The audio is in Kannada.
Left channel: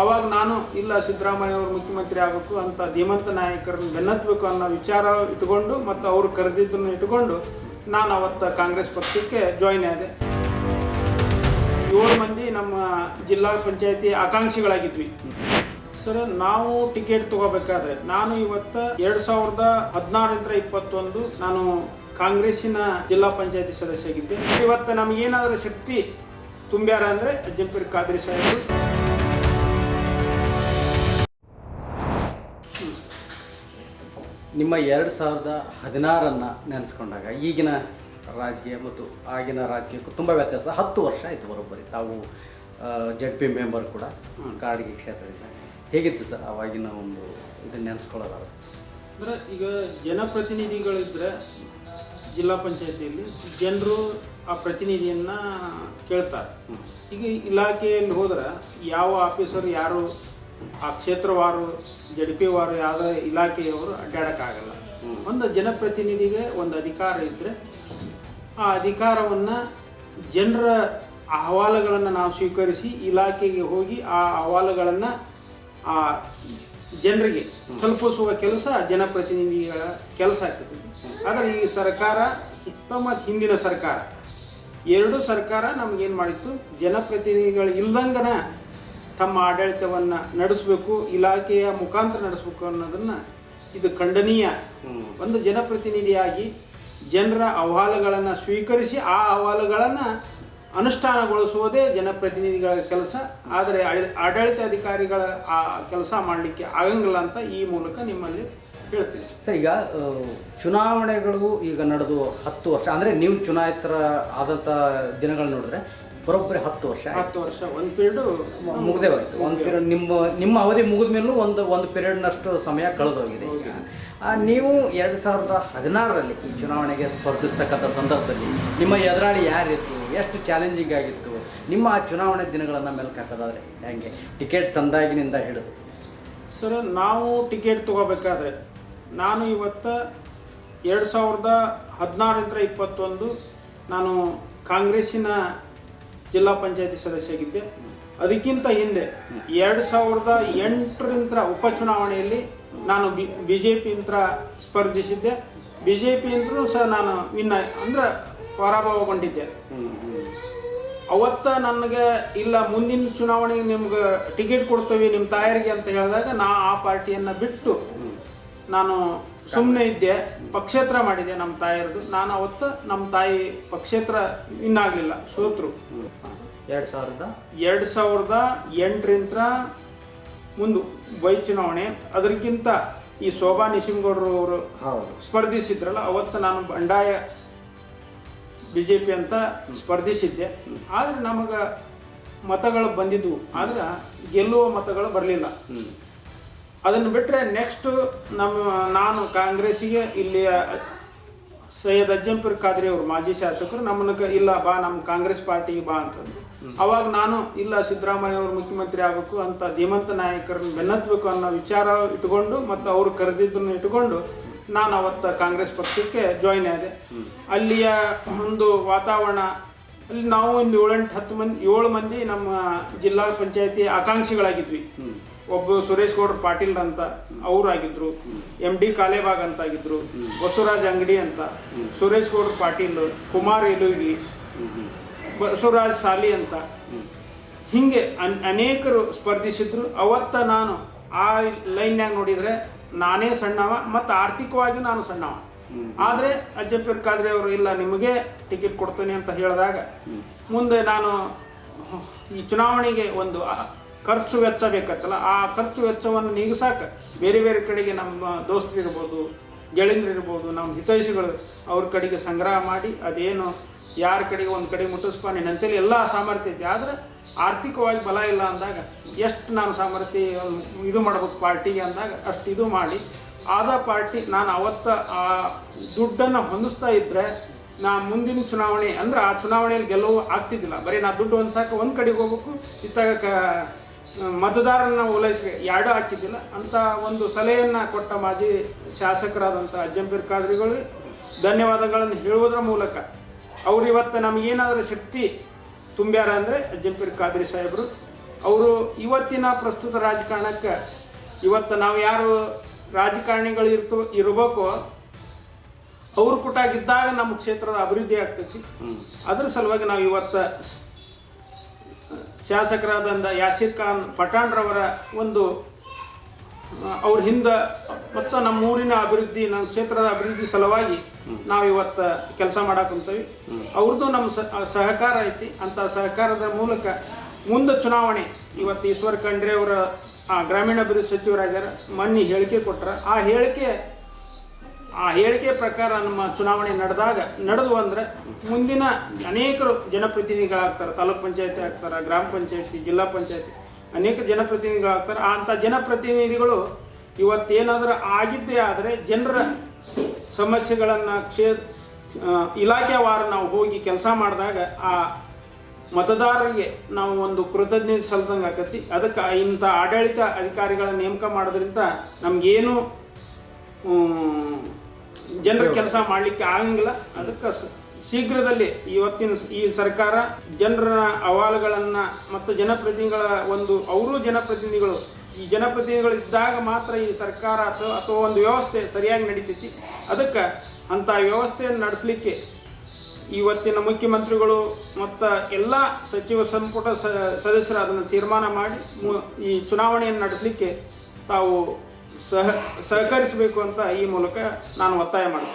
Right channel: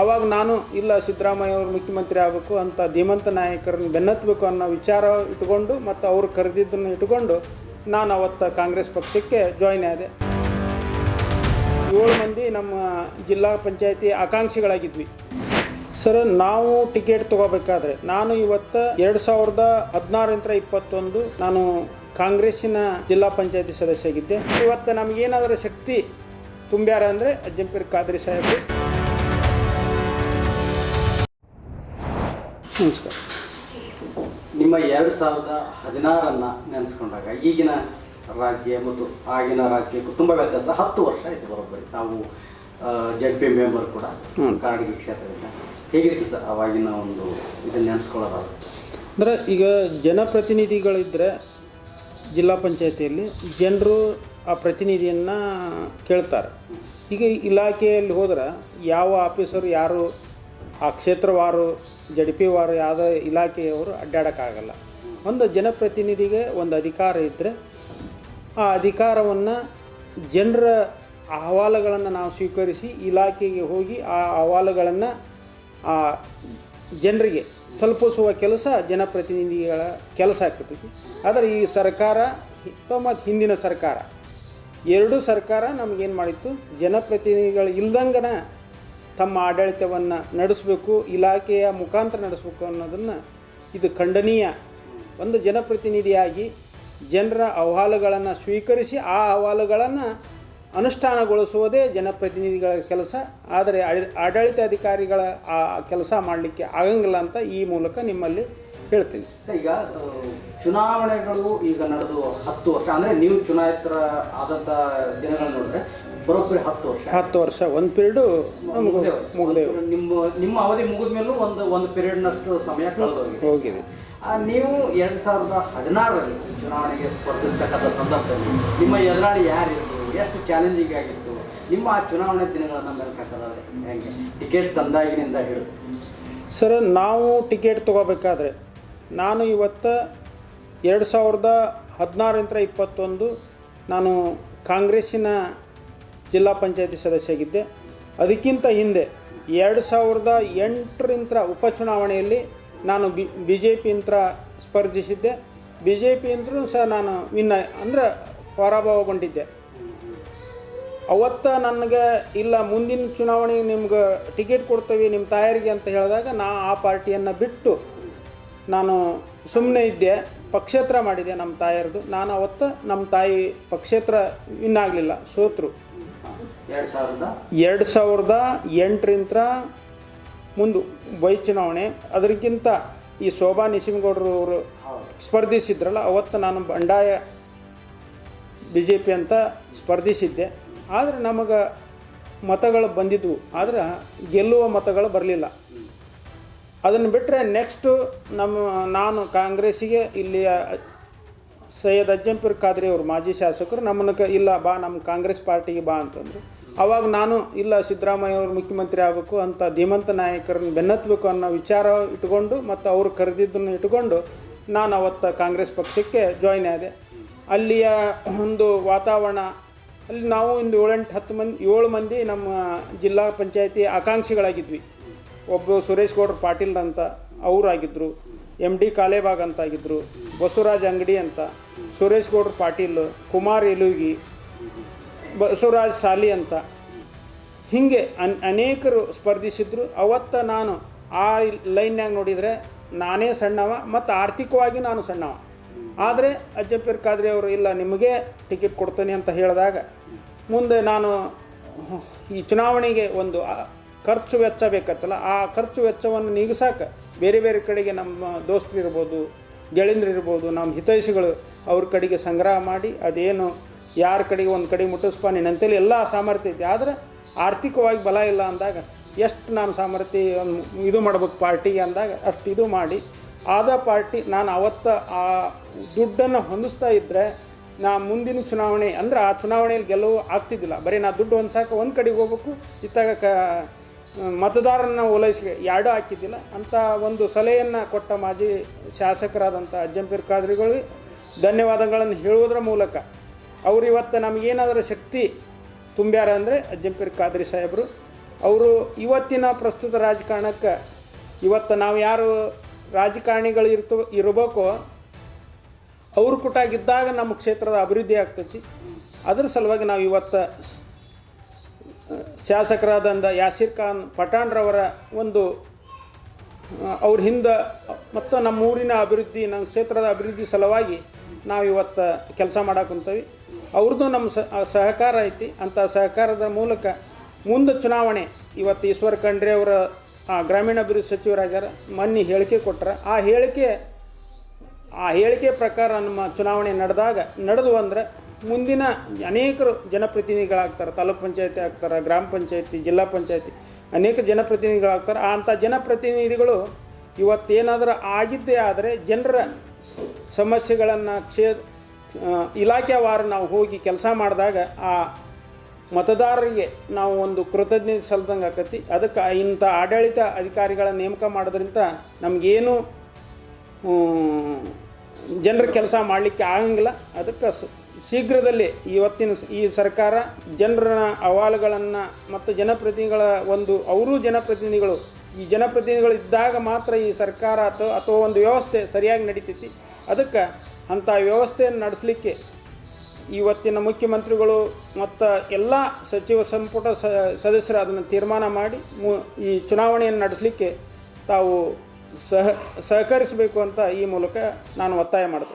ಅವಾಗ ನಾನು ಇಲ್ಲ ಸಿದ್ದರಾಮಯ್ಯ ಅವರು ಮುಖ್ಯಮಂತ್ರಿ ಆಗಬೇಕು ಅಂತ ಧೀಮಂತ ನಾಯಕರನ್ನು ಬೆನ್ನತ್ತಬೇಕು ಅನ್ನೋ ವಿಚಾರ ಇಟ್ಕೊಂಡು ಮತ್ತು ಅವರು ಕರೆದಿದ್ದನ್ನು ಇಟ್ಕೊಂಡು ನಾನು ಅವತ್ತು ಕಾಂಗ್ರೆಸ್ ಪಕ್ಷಕ್ಕೆ ಜಾಯ್ನ್ ಆದೆ. 7 ಮಂದಿ ನಮ್ಮ ಜಿಲ್ಲಾ ಪಂಚಾಯತಿ ಆಕಾಂಕ್ಷಿಗಳಾಗಿದ್ವಿ ಸರ್. ನಾವು ಟಿಕೆಟ್ ತೊಗೋಬೇಕಾದ್ರೆ ನಾನು ಇವತ್ತು 2016 21 ನಾನು ಕಾಂಗ್ರೆಸ್ಸಿನ ಜಿಲ್ಲಾ ಪಂಚಾಯತಿ ಸದಸ್ಯ ಆಗಿದ್ದೆ. ಇವತ್ತು ನಮಗೇನಾದರೂ ಶಕ್ತಿ ತುಂಬ್ಯಾರ ಅಂದರೆ ಅಜ್ಜಂಪೀರ್ ಖಾದ್ರಿ ಸಾಹೇಬರು. ನಮಸ್ಕಾರ. ನಿಮ್ಮ 2016 ನೆನೆಸ್ಕೊಂಡಾಗ ಈಗಿನ ರಾಜಕೀಯ ಮತ್ತು ಆಗಿನ ರಾಜಕೀಯಕ್ಕೂ ತುಂಬ ವ್ಯತ್ಯಾಸ. 10 ವರ್ಷ ಆಯಿತು ಬರೋಬ್ಬರಿ. ತಾವು ZP ಮೆಂಬರ್ ಕೂಡ ಕಾಡಗಿ ಕ್ಷೇತ್ರದಿಂದ. ಹೇಗಿತ್ತು ಸರ್ ಅವಾಗಿನ ಒಂದು ಇದನ್ನು ನೆನೆಸ್ಕೊಳ್ಳೋದಾದ್ರೆ? ಅಂದರೆ ಈಗ ಜನಪ್ರತಿನಿಧಿಗಳಿದ್ದರೆ ಜಿಲ್ಲಾ ಪಂಚಾಯತಿಯಲ್ಲಿ ಜನರು ಆ ಪ್ರತಿನಿಧಿಯನ್ನು ಕೇಳ್ತಾರೆ. ಈಗ ಇಲಾಖೆಯಲ್ಲಿ ಹೋದ್ರೆ ಯಾವ ಆಫೀಸರು ಯಾರು ಆ ಕ್ಷೇತ್ರವಾರು ZP ವಾರು ಯಾವುದೇ ಇಲಾಖೆಯವರು ಅಡ್ಡಾಡೋಕ್ಕಾಗಲ್ಲ. ಒಂದು ಜನಪ್ರತಿನಿಧಿಗೆ ಒಂದು ಅಧಿಕಾರ ಇದ್ದರೆ ಆ ಅಧಿಕಾರವನ್ನು ಜನರ ಅಹವಾಲುಗಳನ್ನು ನಾವು ಸ್ವೀಕರಿಸಿ ಇಲಾಖೆಗೆ ಹೋಗಿ ಆ ಅಹವಾಲುಗಳನ್ನು ಆ ಜನರಿಗೆ ತಲುಪಿಸುವ ಕೆಲಸ ಜನಪ್ರತಿನಿಧಿಗಳ ಕೆಲಸ ಆಗ್ತದೆ. ಆದರೆ ಈ ಸರ್ಕಾರ ಮತ್ತು ಹಿಂದಿನ ಸರ್ಕಾರ ಎರಡೂ ಸರ್ಕಾರ ನಮಗೇನು ಮಾಡಿತ್ತು, ಜನಪ್ರತಿನಿಧಿಗಳು ಇಲ್ದಂಗನ ತಮ್ಮ ಆಡಳಿತವನ್ನು ನಡೆಸಬೇಕು, ಇಲಾಖೆಯ ಮುಖಾಂತರ ನಡೆಸಬೇಕು ಅನ್ನೋದನ್ನು ಇದು ಖಂಡನೀಯ. ಒಂದು ಜನಪ್ರತಿನಿಧಿಯಾಗಿ ಜನರ ಅಹವಾಲುಗಳನ್ನು ಸ್ವೀಕರಿಸಿ ಆ ಅಹವಾಲುಗಳನ್ನು ಅನುಷ್ಠಾನಗೊಳಿಸುವುದೇ ಜನಪ್ರತಿನಿಧಿಗಳ ಕೆಲಸ. ಆದರೆ ಆಡಳಿತ ಅಧಿಕಾರಿಗಳ ಆ ಕೆಲಸ ಮಾಡಲಿಕ್ಕೆ ಆಗಂಗಿಲ್ಲ ಅಂತ ಈ ಮೂಲಕ ನಿಮ್ಮಲ್ಲಿ ಹೇಳ್ತೀನಿ ಸರ್. ಈಗ ಚುನಾವಣೆಗಳು ಈಗ ನಡೆದು 10 ವರ್ಷ ಅಂದರೆ ನೀವು ಚುನಾಯಿತರ ಆದಂಥ ದಿನಗಳು ನೋಡಿದ್ರೆ ಬರೋಬ್ಬರಿ 10 ವರ್ಷ ಒಂದು ಪೀರಿಯಡು ಮುಗಿದೇ ನಿಮ್ಮ ಅವಧಿ ಮುಗಿದ ಮೇಲೂ ಒಂದು ಪೀರಿಯಡ್ನಷ್ಟು ಸಮಯ ಕಳೆದೋಗಿದೆ. ನೀವು 2016 ಚುನಾವಣೆಗೆ ಸ್ಪರ್ಧಿಸ್ತಕ್ಕಂಥ ಸಂದರ್ಭದಲ್ಲಿ ನಿಮ್ಮ ಎದುರಾಳಿ ಯಾರಿತ್ತು, ಎಷ್ಟು ಚಾಲೆಂಜಿಂಗ್ ಆಗಿತ್ತು, ನಿಮ್ಮ ಆ ಚುನಾವಣೆ ದಿನಗಳನ್ನು ಮೆಲುಕು ಹಾಕೋದಾದ್ರೆ ಹೇಗೆ ಟಿಕೆಟ್ ತಂದಾಗಿನಿಂದ ಹಿಡಿದು? ಸರ್, ನಾವು ಟಿಕೆಟ್ ತೊಗೋಬೇಕಾದ್ರೆ ನಾನು ಇವತ್ತು 2016 21 ನಾನು ಕಾಂಗ್ರೆಸ್ಸಿನ ಜಿಲ್ಲಾ ಪಂಚಾಯತಿ ಸದಸ್ಯ ಆಗಿದ್ದೆ. ಅದಕ್ಕಿಂತ ಹಿಂದೆ 2008 ಉಪಚುನಾವಣೆಯಲ್ಲಿ ನಾನು BJP ಸ್ಪರ್ಧಿಸಿದ್ದೆ. BJP ಸಹ ನಾನು ಅಂದರೆ ಪರಾಭವಗೊಂಡಿದ್ದೆ. ಅವತ್ತು ನನಗೆ ಇಲ್ಲ ಮುಂದಿನ ಚುನಾವಣೆಗೆ ನಿಮ್ಗೆ ಟಿಕೆಟ್ ಕೊಡ್ತೀವಿ ನಿಮ್ಮ ತಾಯರಿಗೆ ಅಂತ ಹೇಳಿದಾಗ ಆ ಪಾರ್ಟಿಯನ್ನು ಬಿಟ್ಟು ನಾನು ಸುಮ್ಮನೆ ಇದ್ದೆ. ಪಕ್ಷೇತರ ಮಾಡಿದೆ ನಮ್ಮ ತಾಯರದು. ನಾನು ಅವತ್ತು ನಮ್ಮ ತಾಯಿ ಪಕ್ಷೇತರ ಆಗಲಿಲ್ಲ, ಸೋತರು. 2008 ಮುಂದೆ ವೈ ಚುನಾವಣೆ, ಅದಕ್ಕಿಂತ ಈ ಶೋಭಾ ನಿಶಿಮಗೌಡರು ಅವರು ಸ್ಪರ್ಧಿಸಿದ್ರಲ್ಲ, ಅವತ್ತು ನಾನು ಬಂಡಾಯ BJP ಅಂತ ಸ್ಪರ್ಧಿಸಿದ್ದೆ. ಆದರೆ ನಮಗೆ ಮತಗಳು ಬಂದಿದ್ವು, ಆದರೆ ಗೆಲ್ಲುವ ಮತಗಳು ಬರಲಿಲ್ಲ. ಅದನ್ನು ಬಿಟ್ಟರೆ ನೆಕ್ಸ್ಟು ನಾನು ಕಾಂಗ್ರೆಸ್ಸಿಗೆ ಇಲ್ಲಿಯ ಸೈಯದ್ ಅಜ್ಜಂಪೀರ್ ಖಾದ್ರಿ ಅವರು ಮಾಜಿ ಶಾಸಕರು ನಮ್ಮನ್ನ ಇಲ್ಲ ಬಾ ನಮ್ಮ ಕಾಂಗ್ರೆಸ್ ಪಾರ್ಟಿಗೆ ಬಾ ಅಂತಂದರು. ಅವಾಗ ನಾನು ಇಲ್ಲ ಸಿದ್ದರಾಮಯ್ಯ ಅವರು ಮುಖ್ಯಮಂತ್ರಿ ಆಗಬೇಕು ಅಂತ ಧೀಮಂತ ನಾಯಕರನ್ನು ಬೆನ್ನತ್ತಬೇಕು ಅನ್ನೋ ವಿಚಾರ ಇಟ್ಕೊಂಡು ಮತ್ತು ಅವರು ಕರೆದಿದ್ದನ್ನು ಇಟ್ಕೊಂಡು ನಾನು ಅವತ್ತು ಕಾಂಗ್ರೆಸ್ ಪಕ್ಷಕ್ಕೆ ಜಾಯ್ನ್ ಆದೆ. ಅಲ್ಲಿಯ ಒಂದು ವಾತಾವರಣ ಅಲ್ಲಿ ನಾವು ಇಲ್ಲಿ 7 ಮಂದಿ ನಮ್ಮ ಜಿಲ್ಲಾ ಪಂಚಾಯತಿ ಆಕಾಂಕ್ಷಿಗಳಾಗಿದ್ವಿ. ಒಬ್ಬ ಸುರೇಶ್ ಗೌಡ್ರ ಪಾಟೀಲ್ ಅಂತ ಅವರಾಗಿದ್ದರು, MD ಕಾಲೇಬಾಗ್ ಅಂತ ಆಗಿದ್ದರು, ಬಸವರಾಜ್ ಅಂಗಡಿ ಅಂತ, ಸುರೇಶ್ ಗೌಡ್ರ ಪಾಟೀಲ್, ಕುಮಾರ್ ಎಲುಗಿ, ಬಸವರಾಜ್ ಸಾಲಿ ಅಂತ, ಹೀಗೆ ಅನೇಕರು ಸ್ಪರ್ಧಿಸಿದ್ರು. ಅವತ್ತು ನಾನು ಆ ಲೈನ್ಯಾಗ ನೋಡಿದರೆ ನಾನೇ ಸಣ್ಣವ ಮತ್ತು ಆರ್ಥಿಕವಾಗಿ ನಾನು ಸಣ್ಣವ. ಆದರೆ ಅಜ್ಜಂಪೀರ್ ಖಾದ್ರಿ ಅವರು ಇಲ್ಲ ನಿಮಗೆ ಟಿಕೆಟ್ ಕೊಡ್ತೇನೆ ಅಂತ ಹೇಳಿದಾಗ ಮುಂದೆ ನಾನು ಈ ಚುನಾವಣೆಗೆ ಒಂದು ಖರ್ಚು ವೆಚ್ಚ ಬೇಕತ್ತಲ್ಲ, ಆ ಖರ್ಚು ವೆಚ್ಚವನ್ನು ನೀಗಿಸಾಕ ಬೇರೆ ಬೇರೆ ಕಡೆಗೆ ನಮ್ಮ ದೋಸ್ತರಿರ್ಬೋದು, ಗೆಳೆಯರಿರ್ಬೋದು, ನಮ್ಮ ಹಿತೈಷಿಗಳು ಅವ್ರ ಕಡೆಗೆ ಸಂಗ್ರಹ ಮಾಡಿ ಅದೇನು ಯಾರ ಕಡೆಗೆ ಒಂದು ಕಡೆ ಮುಟ್ಟಿಸ್ಪ ನೀನಂತೇಳಿ ಎಲ್ಲ ಸಾಮರ್ಥ್ಯ ಐತೆ. ಆದರೆ ಆರ್ಥಿಕವಾಗಿ ಬಲ ಇಲ್ಲ ಅಂದಾಗ ಎಷ್ಟು ನಾನು ಸಾಮರ್ಥ್ಯ ಇದು ಮಾಡ್ಬೇಕು ಪಾರ್ಟಿಗೆ ಅಂದಾಗ ಅಷ್ಟು ಇದು ಮಾಡಿ ಆದ ಪಾರ್ಟಿ ನಾನು ಅವತ್ತು ಆ ದುಡ್ಡನ್ನು ಹೊಂದಿಸ್ತಾ ಇದ್ದರೆ ನಾ ಮುಂದಿನ ಚುನಾವಣೆ ಅಂದರೆ ಆ ಚುನಾವಣೆಯಲ್ಲಿ ಗೆಲುವು ಆಗ್ತಿದ್ದಿಲ್ಲ. ಬರೀ ನಾ ದುಡ್ಡು ಹೊಂದ್ಸಾಕ ಒಂದು ಕಡೆಗೆ ಹೋಗ್ಬೇಕು, ಇತ್ತಾಗ ಮತದಾರನ ಓಲೈಸ್ಬೇಕು, ಎರಡೂ ಹಾಕಿದ್ದಿಲ್ಲ ಅಂತ ಒಂದು ಸಲಹೆಯನ್ನು ಕೊಟ್ಟ ಮಾಜಿ ಶಾಸಕರಾದಂಥ ಅಜ್ಜಂಪೀರ್ ಖಾದ್ರಿಗಳಿಗೆ ಧನ್ಯವಾದಗಳನ್ನು ಹೇಳುವುದರ ಮೂಲಕ ಅವರು ಇವತ್ತು ನಮಗೇನಾದರೂ ಶಕ್ತಿ ತುಂಬ್ಯಾರ ಅಂದರೆ ಅಜ್ಜಂಪೀರ್ ಖಾದ್ರಿ ಸಾಹೇಬರು. ಅವರು ಇವತ್ತಿನ ಪ್ರಸ್ತುತ ರಾಜಕಾರಣಕ್ಕೆ ಇವತ್ತು ನಾವು ಯಾರು ರಾಜಕಾರಣಿಗಳು ಇರಬೇಕೋ ಅವ್ರ ಕೂಟಾಗಿದ್ದಾಗ ನಮ್ಮ ಕ್ಷೇತ್ರದ ಅಭಿವೃದ್ಧಿ ಆಗ್ತೈತಿ. ಅದರ ಸಲುವಾಗಿ ನಾವು ಇವತ್ತು ಶಾಸಕರಾದಂಥ ಯಾಸೀರ್ ಖಾನ್ ಪಠಾಣ್ರವರ ಒಂದು ಅವ್ರ ಹಿಂದೆ ಮತ್ತು ನಮ್ಮ ಊರಿನ ಅಭಿವೃದ್ಧಿ, ನಮ್ಮ ಕ್ಷೇತ್ರದ ಅಭಿವೃದ್ಧಿ ಸಲುವಾಗಿ ನಾವು ಇವತ್ತು ಕೆಲಸ ಮಾಡಾಕುಂತೀವಿ. ಅವ್ರದ್ದು ನಮ್ಮ ಸಹಕಾರ ಐತಿ. ಅಂಥ ಸಹಕಾರದ ಮೂಲಕ ಮುಂದೆ ಚುನಾವಣೆ ಇವತ್ತು ಈಶ್ವರ್ ಖಂಡ್ರೆ ಅವರ ಗ್ರಾಮೀಣಾಭಿವೃದ್ಧಿ ಸಚಿವರಾಗ್ಯಾರ, ಮೊನ್ನೆ ಹೇಳಿಕೆ ಕೊಟ್ಟರೆ ಆ ಹೇಳಿಕೆ ಪ್ರಕಾರ ನಮ್ಮ ಚುನಾವಣೆ ನಡೆದು ಅಂದರೆ ಮುಂದಿನ ಅನೇಕರು ಜನಪ್ರತಿನಿಧಿಗಳಾಗ್ತಾರೆ. ತಾಲೂಕ್ ಪಂಚಾಯತಿ ಆಗ್ತಾರೆ, ಗ್ರಾಮ ಪಂಚಾಯತಿ, ಜಿಲ್ಲಾ ಪಂಚಾಯತಿ, ಅನೇಕ ಜನಪ್ರತಿನಿಧಿಗಳಾಗ್ತಾರೆ. ಅಂಥ ಜನಪ್ರತಿನಿಧಿಗಳು ಇವತ್ತೇನಾದರೂ ಆಗಿದ್ದೇ ಆದರೆ ಜನರ ಸಮಸ್ಯೆಗಳನ್ನು ಇಲಾಖೆವಾರು ನಾವು ಹೋಗಿ ಕೆಲಸ ಮಾಡಿದಾಗ ಆ ಮತದಾರರಿಗೆ ನಾವು ಒಂದು ಕೃತಜ್ಞತೆ ಸಲ್ದಂಗೆ ಆಕತಿ. ಅದಕ್ಕೆ ಇಂಥ ಆಡಳಿತ ಅಧಿಕಾರಿಗಳ ನೇಮಕ ಮಾಡೋದ್ರಿಂದ ನಮಗೇನು ಜನರ ಕೆಲಸ ಮಾಡಲಿಕ್ಕೆ ಆಗಂಗಿಲ್ಲ. ಅದಕ್ಕೆ ಶೀಘ್ರದಲ್ಲಿ ಇವತ್ತಿನ ಈ ಸರ್ಕಾರ ಜನರ ಅಹವಾಲುಗಳನ್ನು ಮತ್ತು ಜನಪ್ರತಿನಿಧಿಗಳ ಅವರು ಜನಪ್ರತಿನಿಧಿಗಳು, ಈ ಜನಪ್ರತಿನಿಧಿಗಳು ಇದ್ದಾಗ ಮಾತ್ರ ಈ ಸರ್ಕಾರ ಅಥವಾ ಒಂದು ವ್ಯವಸ್ಥೆ ಸರಿಯಾಗಿ ನಡೀತೈತಿ. ಅದಕ್ಕೆ ಅಂಥ ವ್ಯವಸ್ಥೆಯನ್ನು ನಡೆಸಲಿಕ್ಕೆ ಇವತ್ತಿನ ಮುಖ್ಯಮಂತ್ರಿಗಳು ಮತ್ತು ಎಲ್ಲ ಸಚಿವ ಸಂಪುಟ ಸದಸ್ಯರು ಅದನ್ನು ತೀರ್ಮಾನ ಮಾಡಿ ಈ ಚುನಾವಣೆಯನ್ನು ನಡೆಸಲಿಕ್ಕೆ ತಾವು ಸಹಕರಿಸಬೇಕು ಅಂತ ಈ ಮೂಲಕ ನಾನು ಒತ್ತಾಯ ಮಾಡ್ತೀನಿ.